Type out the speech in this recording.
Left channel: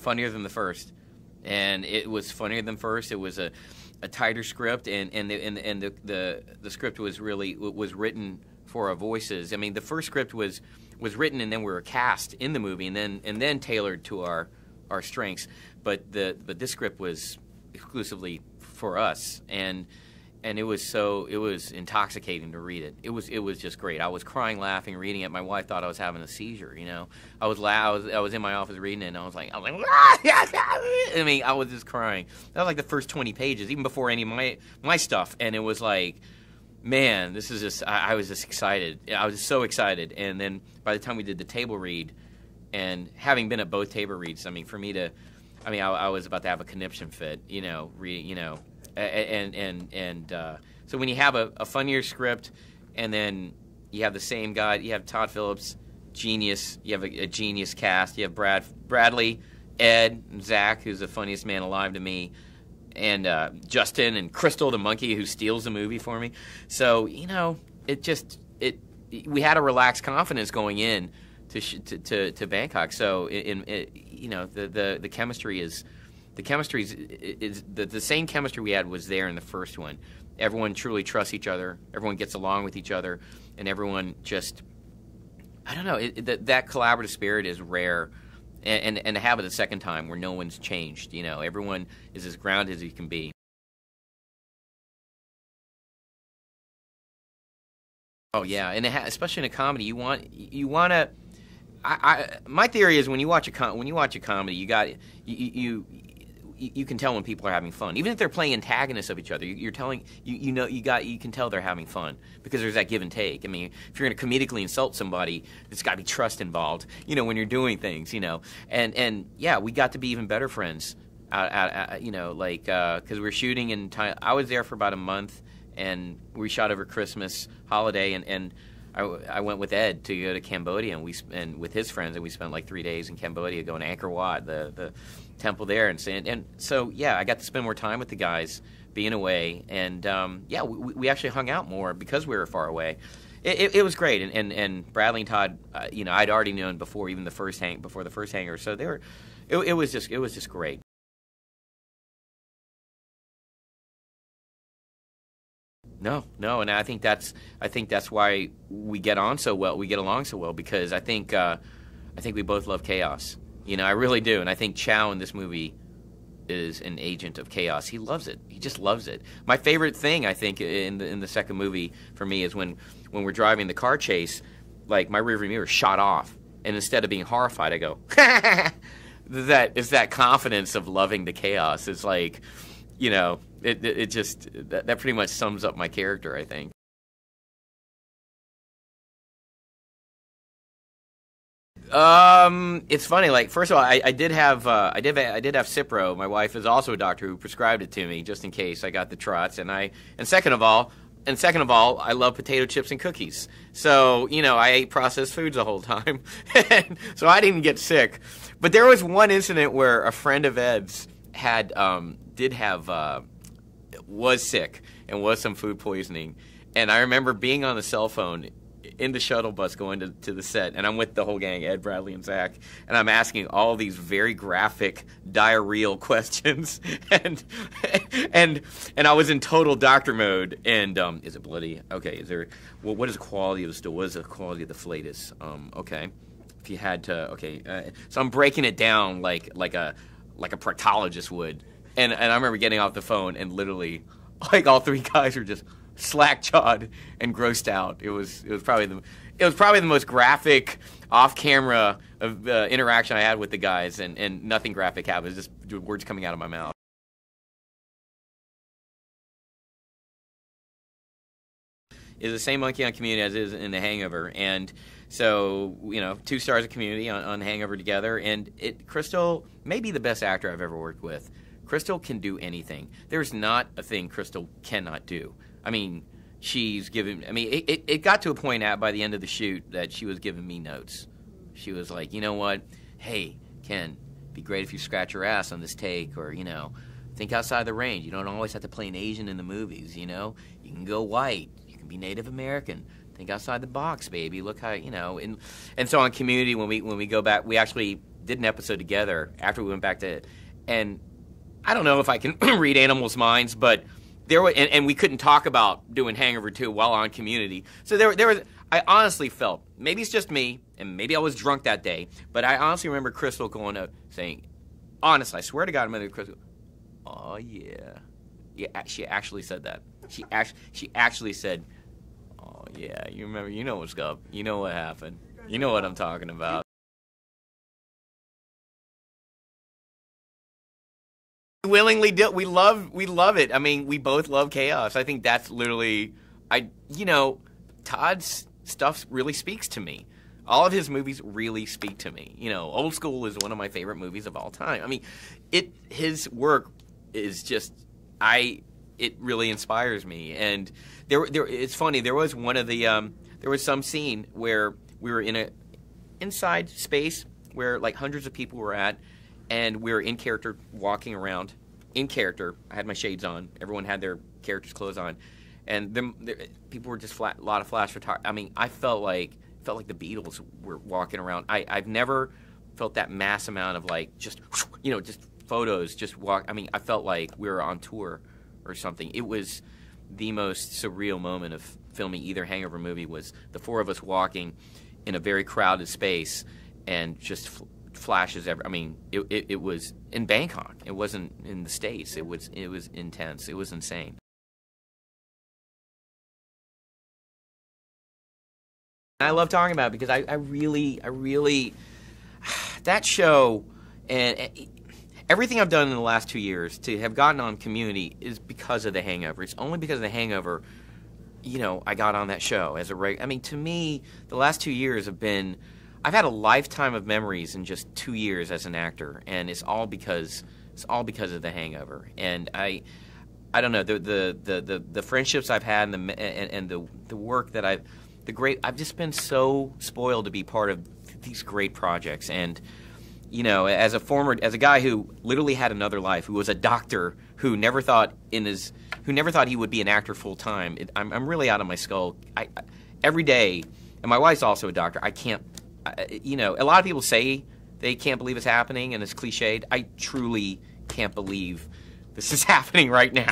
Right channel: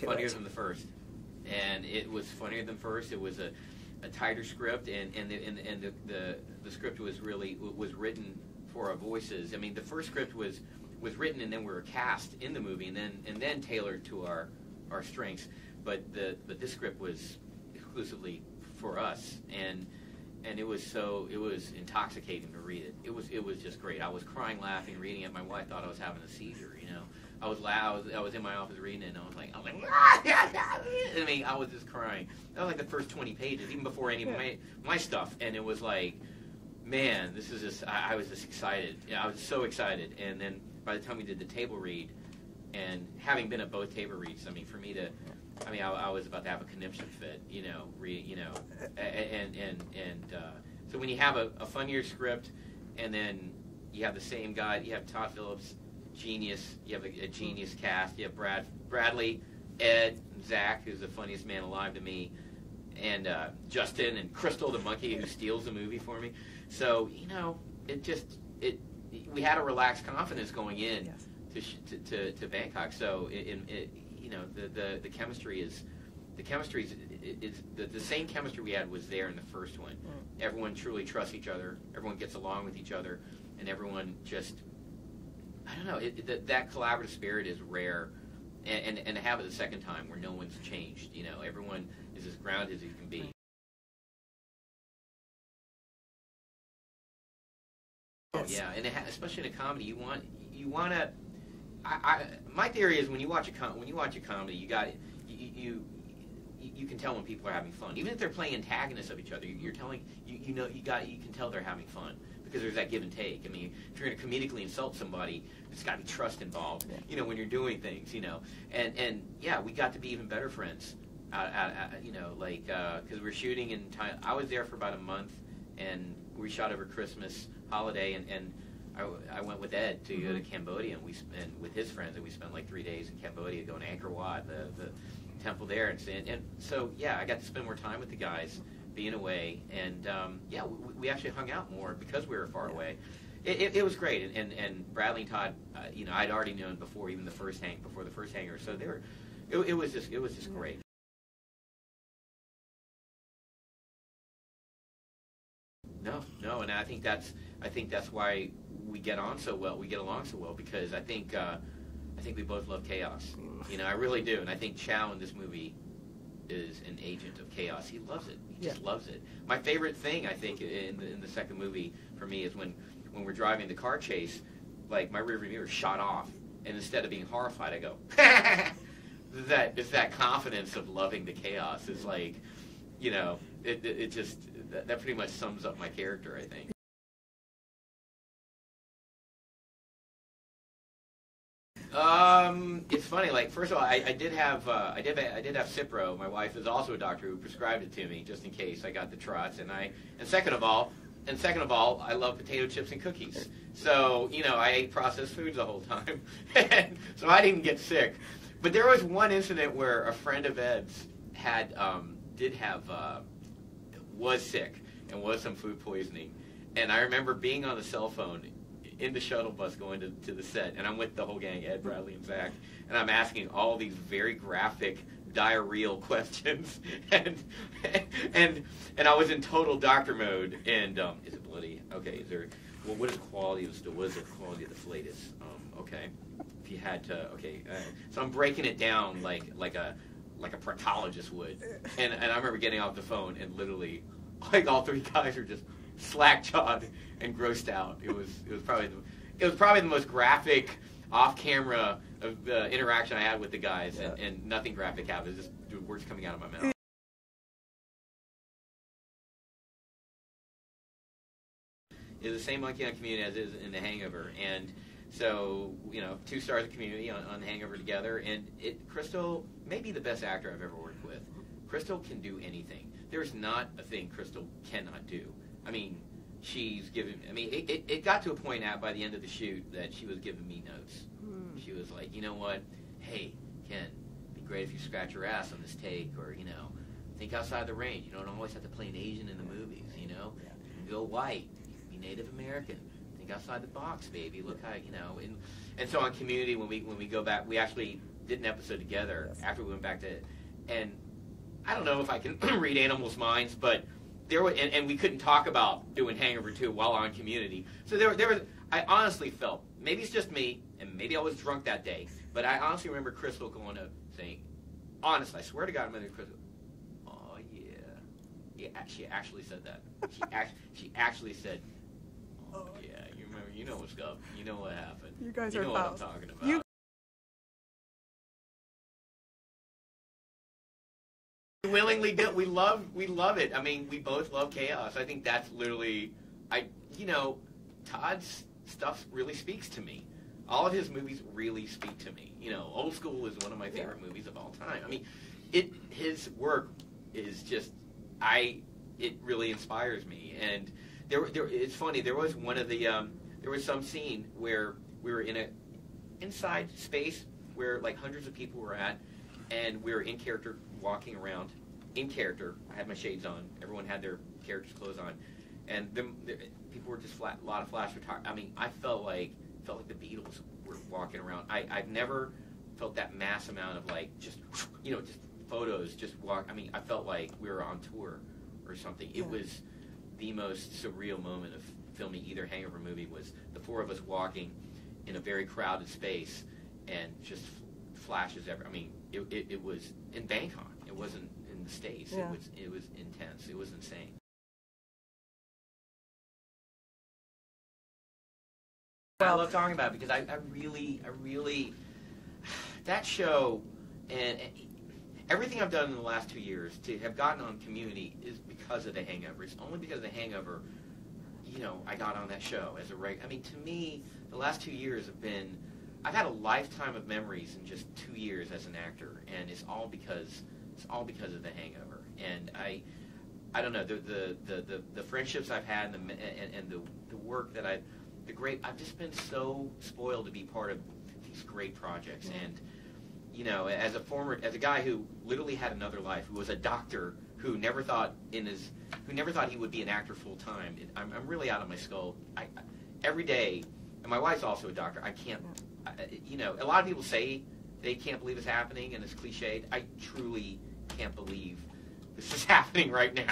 Funnier than the first, and it was funnier than first. It was a tighter script, and the script was written for our voices. I mean, the first script was written, and then we were cast in the movie, and then tailored to our strengths. But this script was exclusively for us, and it was intoxicating to read it. It was just great. I was crying, laughing, reading it. My wife thought I was having a seizure. You know, I was in my office reading it, and I was like, I mean, I was just crying. That was like the first 20 pages, even before any of my stuff, and it was like, man, this is just. I was just excited. I was so excited, and then by the time we did the table read, and having been at both table reads, I mean, for me to. I mean, I was about to have a conniption fit, you know, reading, you know, so when you have a funnier script, and then you have the same guy, you have Todd Phillips, genius, you have a genius cast, you have Bradley, Ed, and Zach, who's the funniest man alive to me, and Justin and Crystal, the monkey who steals the movie for me. So, you know, we had a relaxed confidence going in to Bangkok. So you know, the chemistry is the same chemistry we had was there in the first one. Everyone truly trusts each other. Everyone gets along with each other, and everyone just, I don't know, that collaborative spirit is rare, and to have it a second time where no one's changed. You know, everyone is as grounded as you can be. Oh yeah, and especially in a comedy, you want to. My theory is when you watch a comedy, you can tell when people are having fun, even if they're playing antagonists of each other. You can tell they're having fun because there's that give and take. I mean, if you're going to comedically insult somebody, there's got to be trust involved. You know, when you're doing things, you know, and yeah, we got to be even better friends. You know, like because we're shooting in Thailand. I was there for about a month, and we shot over Christmas holiday, and I went with Ed to go to Cambodia, and with his friends, and we spent like 3 days in Cambodia going to Angkor Wat, the temple there, and so yeah, I got to spend more time with the guys, being away, and yeah, we actually hung out more because we were far away. It was great, and Bradley and Todd, you know, I'd already known before even before the first Hangover, so it was just great. No, and I think that's why we get on so well. We get along so well because I think we both love chaos. You know, I really do, and I think Chow in this movie is an agent of chaos. He loves it. He just loves it. My favorite thing, I think, in the second movie for me is when we're driving the car chase, like my rearview mirror shot off, and instead of being horrified, I go, it's that confidence of loving the chaos. It's like, you know, it just that pretty much sums up my character, I think. It's funny. Like, first of all, I did have Cipro. My wife is also a doctor who prescribed it to me just in case I got the trots. And second of all, I love potato chips and cookies. So, you know, I ate processed foods the whole time, so I didn't get sick. But there was one incident where a friend of Ed's was sick and was some food poisoning, and I remember being on the cell phone in the shuttle bus going to the set, and I'm with the whole gang, Ed, Bradley, and Zach, and I'm asking all these very graphic diarrheal questions, and I was in total doctor mode. And is it bloody? Okay. Is there? Well, what is the quality of the stool? What is the quality of the flatus? Okay. If you had to, okay. So I'm breaking it down like a proctologist would, and I remember getting off the phone and literally, like, all three guys were just slack-jawed and grossed out. It was probably the most graphic off-camera interaction I had with the guys, and nothing graphic happened. It was just words coming out of my mouth. It's the same monkey on Community as it is in The Hangover, and so, you know, 2 stars of Community on Hangover together, and Crystal may be the best actor I've ever worked with. Crystal can do anything. There's not a thing Crystal cannot do. I mean, it got to a point by the end of the shoot that she was giving me notes. She was like, you know what, hey, Ken, it'd be great if you scratch your ass on this take, or, you know, think outside the range. You don't always have to play an Asian in the movies, you know? You can go white. You can be Native American. Think outside the box, baby. Look how, you know, and so on Community, when we go back, we actually did an episode together after we went back to, and I don't know if I can read animals' minds, but there were, and we couldn't talk about doing Hangover 2 while on Community. So there was, I honestly felt, maybe it's just me, and maybe I was drunk that day, but I honestly remember Crystal going up saying, honestly, I swear to God, I remember Crystal, oh yeah. Yeah, she actually said that. She actually said, oh yeah, you remember, you know what's up. You know what happened. You know what I'm talking about. Willingly do. We love it. I mean, we both love chaos. I think that's literally, Todd's stuff really speaks to me. All of his movies really speak to me. Old School is one of my favorite movies of all time. I mean, his work is just, it really inspires me. And it's funny. There was one of the, there was some scene where we were in a inside space where like hundreds of people were at, and we were in character walking around. In character, I had my shades on. Everyone had their character's clothes on, and people were just a lot of flash photography. I mean, I felt like the Beatles were walking around. I've never felt that mass amount of like just photos, just walk. I mean, I felt like we were on tour or something. It was the most surreal moment of filming either Hangover movie, was the four of us walking in a very crowded space and just flashes I mean, it was in Bangkok. It wasn't in the States. Yeah. It was intense. It was insane. I love talking about it because I really that show and everything I've done in the last 2 years to have gotten on Community is because of The Hangover. It's only because of The Hangover, I got on that show as I mean, to me, the last 2 years have been, I've had a lifetime of memories in just 2 years as an actor, and it's all because of The Hangover. And I don't know, the friendships I've had and the work that I've just been so spoiled to be part of these great projects. And as a guy who literally had another life, who was a doctor, who never thought he would be an actor full time, I'm really out of my skull. Every day, and my wife's also a doctor. I can't, a lot of people say they can't believe it's happening and it's cliched. I truly can't believe this is happening right now.